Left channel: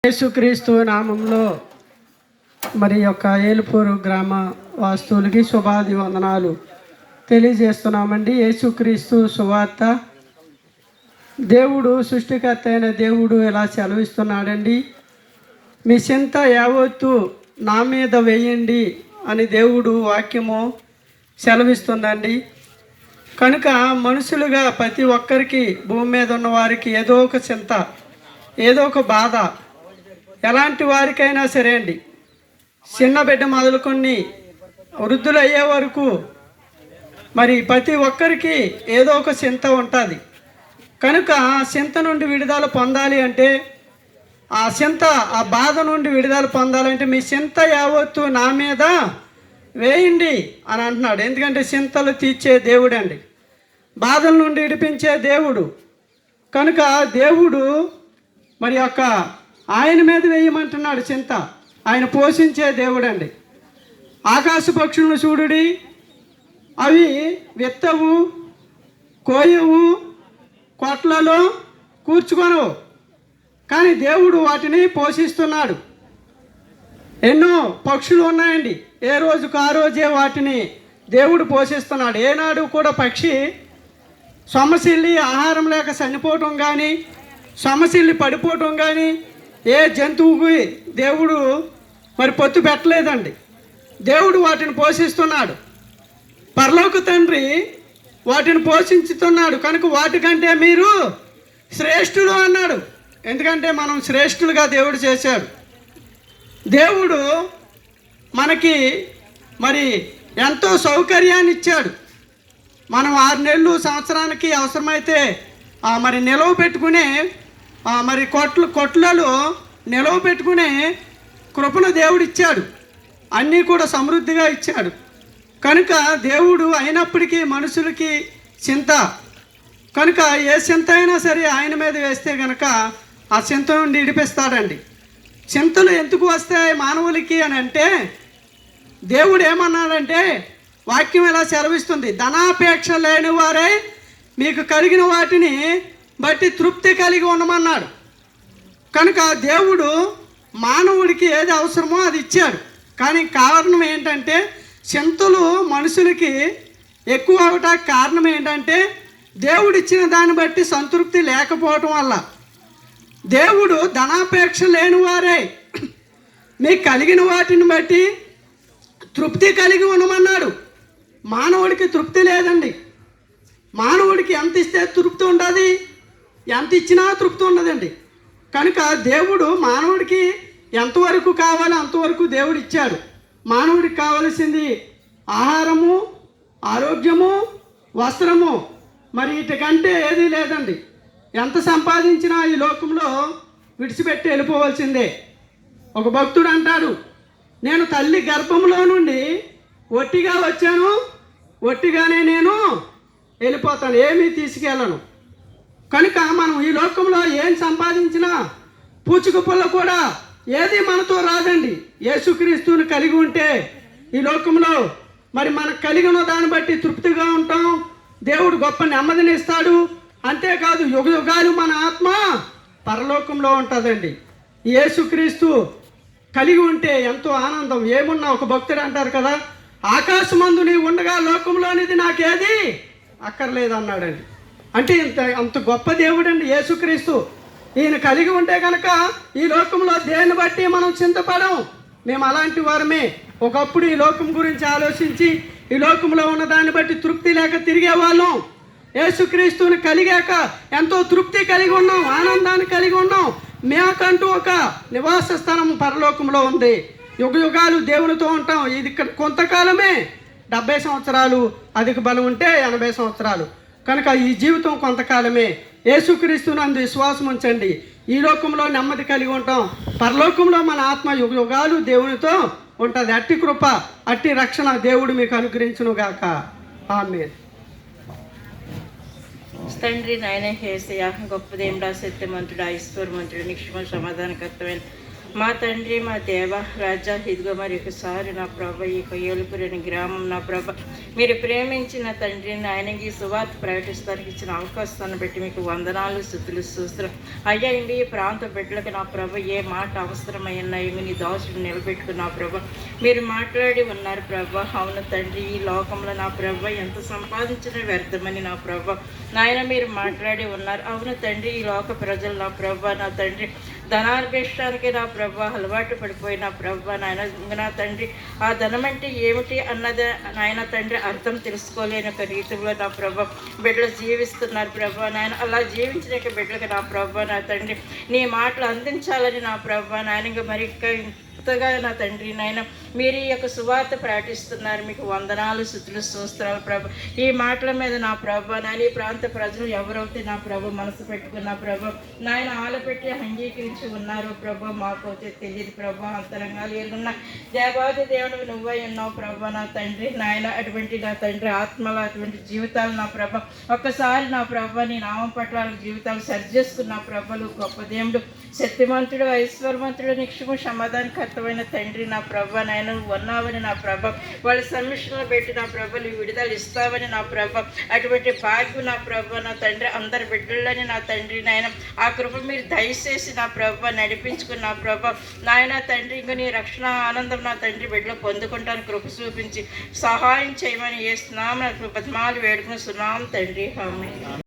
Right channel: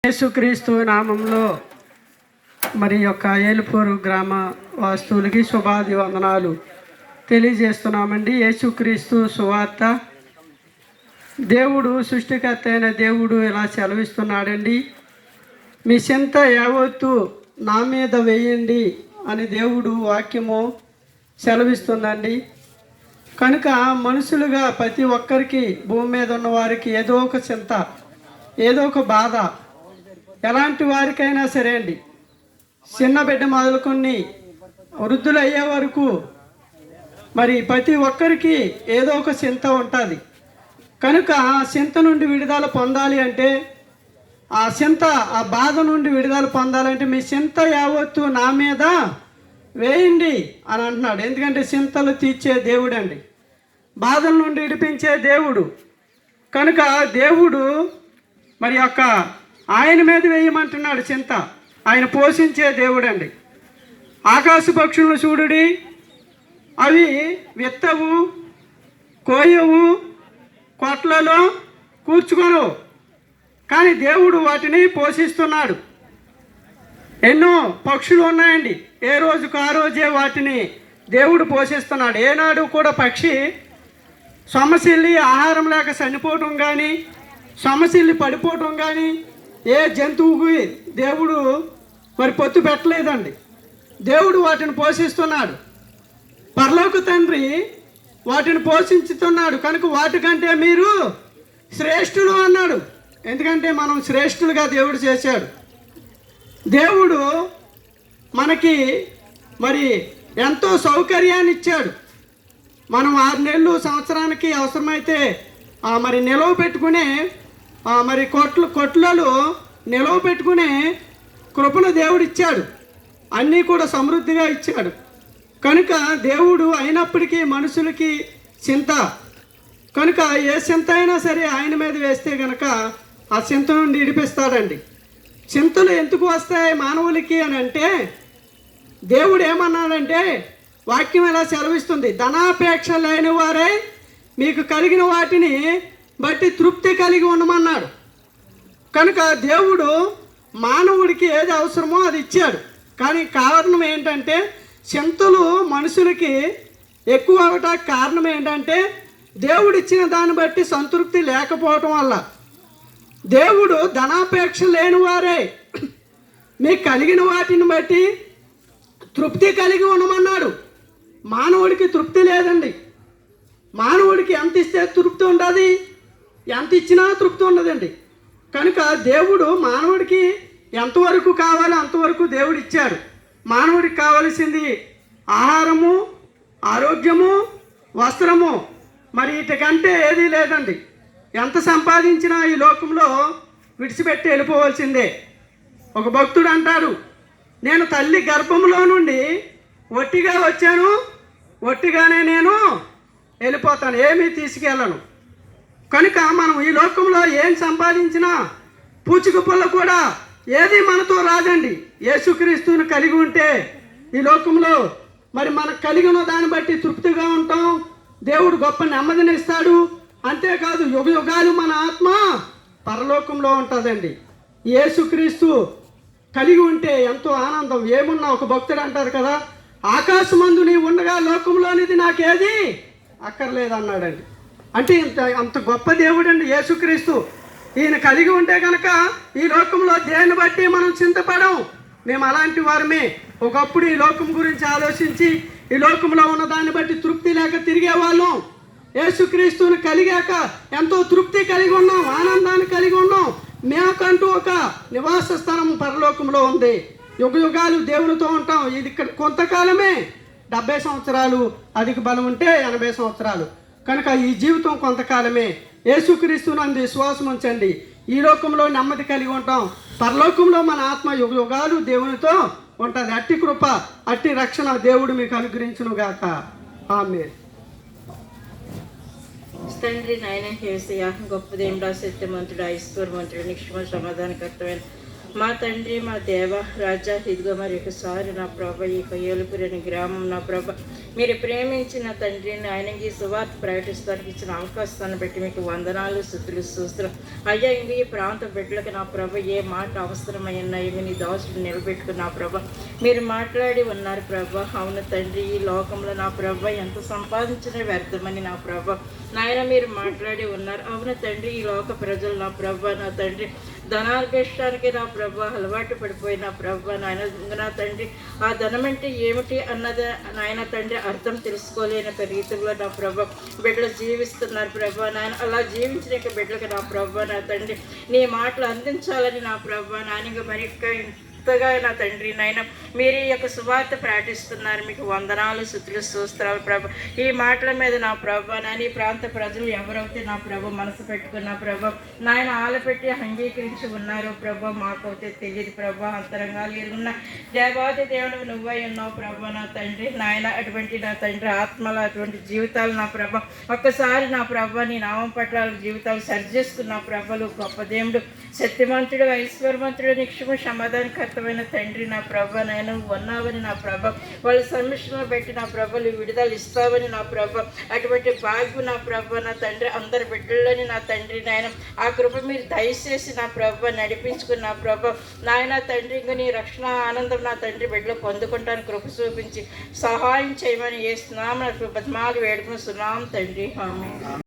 యేసుక్రీస్తు నామంలో మరి యొక్క ఏలుపూరు గ్రామ వాస్తువులకి శుభాది వందనాలు తెలియజేస్తున్నామండి. యేసుక్రీస్తు సువార్త దేవుడు సృష్టికర్త అయిన దేవుడు ఇలా సెలవిస్తున్నాడండి. మీ చింత యావత్తు నా మీద వేయండి అని దేవుడు వాక్యము సెలవిస్తుందండి. కనుక మనుషులుగా ప్రతి ఒక్కరికి భూమి మీద ఉన్న వారికి ఏదో ఒక చింత, ఏదో ఒక బాధ, ఎలాంటి వారికైనా సరే అండి, చిన్న బిడ్డ మొదలుకొని వృద్ధులు అయ్యే వరకు మరి ప్రతి ఒక్కరికి ఏదో ఒక చింత ఉంటుంది. కనుక చింత నుండి విడుదల పొందాలి అంటే, ఆ చింత, ఆ బాధ నుండి విడుదల పొందాలంటే మీ చింత యావత్తు నా మీద వేయండి అని అంటున్నాడు. ఎందుకంటే చింతలు తీర్చే దేవుడు అండి, బాధల నుండి విడిపించే దేవుడు. కనుక దేవుడు మరి యొక్క ఆయన మీద వేయమంటున్నాడు చింత. ఆయన పోషించే దేవుడు అండి. ఆకాశ పక్షులను చూడుడి, అవి విత్తవు, కోయవు, కొట్లలో కూర్చుకొనవు, కానీ దేవుడు వాటిని పోషిస్తున్నాడు. ఎన్నో పక్షులు ఉన్నాయండి, ఏ రోజుకు ఆ రోజే వాటిని దేవుడు పోషిస్తున్నాడు. ఏనాడు కూడా పక్షి సొమ్మసిల్లి ఆహారం లేక చనిపోవటం కానీ, సొమ్మసిల్లి పడిపోవటం కానీ ఏ జంతువుకి దేవుడు మరి పొత్తు పెట్టలేదండి. దేవుడు వాటిని పోషిస్తున్నాడు. పరలోక తండ్రి వాటిని పోషించుతున్నాడు. కనుక వాటికంటే మీరు శ్రేష్ఠులు అన్నాడు. ఎందుకంటే మనం శ్రేష్ఠులుగా దేవుడు చేశాడు. దేవుడు మనకి మరి ఎంతో సౌకర్యాన్ని ఇచ్చాడు. మనం 6 నెలలు సంవత్సరానికి అవసరమైతే మరి నిలవ పెట్టుకునే మరి కొట్లలో నిలవ పెట్టుకునే కృపను దేవుడు ఇచ్చాడు. అన్నీ కూడా సమృద్ధిగా ఇచ్చాడు. కనుక దేవుడు అయినప్పటికీ మనుషులకి చింత. కనుక ఏ చింత అయినా సరే ఆయన మీద వేస్తే కనుక ఆ చింత నుండి విడిపిస్తాడండి. చింతలు ఎందుకు వస్తాయి మానవులకి అని అంటే, దేవుడు ఏమన్నాడంటే, వాక్యం ఎలా సెలవిస్తుంది, ధనాపేక్ష లేని వారై మీకు కలిగిన వాటిని బట్టి తృప్తి కలిగి ఉండమన్నాడు. కనుక దేవుడు మానవుడికి ఏది అవసరమో అది ఇచ్చాడు. కానీ కారణం ఏంటంటే, చింతలు మనుషులకి ఎక్కువ అవటానికి కారణం ఏంటంటే, దేవుడు ఇచ్చిన దాన్ని బట్టి సంతృప్తి లేకపోవటం వల్ల. దేవుడు ధనాపేక్ష లేని వారే మీకు కలిగిన వాటిని బట్టి తృప్తి కలిగి ఉండమన్నాడు. మానవుడికి తృప్తి లేదండి. మానవుడికి ఎంత ఇస్తే తృప్తి ఉంటుంది, ఎంత ఇచ్చినా తృప్తి ఉండదండి. కనుక దేవుడు మానవుడికి ఎంతవరకు కావాలో అంతవరకు దేవుడు ఇచ్చాడు. మానవుడికి కావలసింది ఆహారము, ఆరోగ్యము, వస్త్రము, మరి వీటికంటే ఏదీ లేదండి. ఎంత సంపాదించినా ఈ లోకంలో విడిచిపెట్టి వెళ్ళిపోవాల్సిందే. ఒక భక్తుడు అంటాడు, నేను తల్లి గర్భంలో నుండి ఒట్టిగా వచ్చాను, ఒట్టిగానే నేను వెళ్ళిపోతాను, ఏమీ తీసుకెళ్ళను. కనుక మనం ఈ లోకంలో ఏం సంపాదించినా పూచిక పుల్ల కూడా ఏది మనతో రాదండి. యేసుక్రీస్తుని కలిగి ఉంటే ఈ లోకంలో మరి మనకు కలిగిన దాన్ని బట్టి తృప్తిగా ఉంటాం. దేవుడు గొప్ప నెమ్మదిని ఇస్తాడు. అంతేకాదు యుగ యుగాలు మన ఆత్మ పరలోకంలో ఉంటుందండి. యేసుక్రీస్తు కలిగి ఉంటే ఎంతో ఆనందం. ఏమున్నా ఒక భక్తుడు అంటారు కదా, ఆకాశమందు నీ ఉండగా లోకంలోనిది నాకేది అక్కర్లేదు అన్నాడండి. అంటే అంత గొప్ప దేవుడు అండి యేసుక్రీస్తు. ఈయన కలిగి ఉంటే కనుక ఈ లోకంలో దేన్ని బట్టి మనం చింతపడం. మేము అలాంటి వారమే. ఒకప్పుడు ఈ లోకం గురించి ఆలోచించి ఈ లోకంలో ఉన్న దాన్ని బట్టి తృప్తి లేక తిరిగే వాళ్ళం. యేసుక్రీస్తుని కలిగాక ఎంతో తృప్తి కలిగి ఉన్నాం, ఆనందాన్ని కలిగి ఉన్నాం. మేమకంటూ ఒక నివాస స్థలం పరలోకంలో ఉంది. యుగ యుగాలు దేవునితో ఉంటాం. ఇది ఇక్కడ కొంతకాలమే, 70 సంవత్సరాలు, అధిక బలం ఉంటే 80 సంవత్సరాలు. కనుక ఈ జీవితం కొంతకాలమే. యేసుక్రీస్తునందు విశ్వాసం ఉంచండి, ఈ లోకంలో నెమ్మది కలిగి ఉంటాం. పరలోకంలో మన ఆత్మ యుగ యుగాలు దేవునితో ఉంటుంది. అట్టి కృప, అట్టి రక్షణ దేవుడు మీకు అనుగ్రహించును గాక. ఆమేన్. తండ్రి నాయన యేసయ్యా, గొప్ప దేవుడా, సత్యమంతుడా, ఈశ్వరమంతుడా, నిక్షమ సమాధానకర్తమైన మా తండ్రి మా దేవ రాజా, ఇదిగో మరి ఒకసారి నా ప్రభ ఈ ఏలుపురని గ్రామం నా ప్రభ మీరు ప్రేమించిన తండ్రి నాయనకి సువార్త ప్రకటిస్తానికి ఇచ్చిన అవకాశాన్ని బట్టి మీకు వందనాలు, స్తుతులు, స్తోత్రం అయ్యా. ఇంక ఈ ప్రాంత బిడ్డలకు నా ప్రభ ఏ మాట అవసరమై ఉన్నాయి నీ దోషులు నిలబెట్టుకున్న ప్రభ మీరు మాట్లాడి ఉన్నారు ప్రభ. అవును తండ్రి, ఈ లోకంలో నా ప్రభ ఎంత సంపాదించిన వ్యర్థమని నా ప్రభ నాయన మీరు మాట్లాడి ఉన్నారు. అవును తండ్రి, ఈ లోక ప్రజలు నా ప్రభ నా తండ్రి ధనార్భేష్టానికి నా ప్రభ అలవాటు పడిపోయిన ప్రభ నాయన నా తండ్రి ఆ ధనం అంటే ఏమిటి అన్నది నాయన తండ్రి అర్థం తెలుసుకోలేని ఒక రీతిలో నా ప్రభ బిడ్డలు జీవిస్తున్నారు ప్రభ నాయన. అలా జీవించిన బిడ్డలకు నా ప్రభ నా తండ్రి నీ మాటలు అందించాలని నా ప్రభ నాయన మరి ఎంతగా నా తండ్రి నాయన మీరు ఈ యొక్క సువార్త ప్రకటిస్తున్నారు. మీకు వందనాలు, స్తుతులు, స్తోత్రాలు ప్రభ. ఈ మాటల మీద నా ప్రభ నాయన ఈ ప్రాంత ప్రజలు ఎవరైతే నా ప్రభ మనసు పెట్టుకున్న ప్రభ నాయన ఆలపెట్టి అంగీకరించి ఉన్నారు ప్రభ మాకైతే తెలియదు ప్రభ. అంతరంగాలు ఎరుగున్న దేవాది దేవుడు నువ్వై ఉన్నావు ప్రభ నా తండ్రి నాయన. అటువంటి నా తండ్రి ఆత్మల అటువంటి జీవితాలు నా ప్రభ ఒక్కసారి నా ప్రభ నీ నామం పట్ల జీవితాలు సరిచేస్తున్న ప్రభలు గొప్ప దేవుడు, శక్తిమంతుడు, ఐశ్వర్యవంతుడు, నిక్షమ సమాధానకర్తమైన తండ్రి నా ప్రభ నాయన ఉన్నావని నా ప్రభ వాళ్ళ సమస్యలను పెట్టి నా ప్రభలు విడుదల ఇస్తావని నా ప్రభ అటువంటి భాగ్యం నా ప్రభ నా తండ్రి అందరి బిడ్డలని నా తండ్రి నాయన ఆ కృప మీరు దయచేసి నా ప్రభ నడిపించుకున్న నా ప్రభ నాయన తండ్రి ఇంక నీ రక్షణ ఆనందం నా తండ్రి బిడ్డలు పొందుకుంటాను కృప చూపించి సహాయం చేయమని చేస్తున్నాం. నాకు బతిమాలు వేడుకుని సున్నాం తండ్రి. ఆమేన్.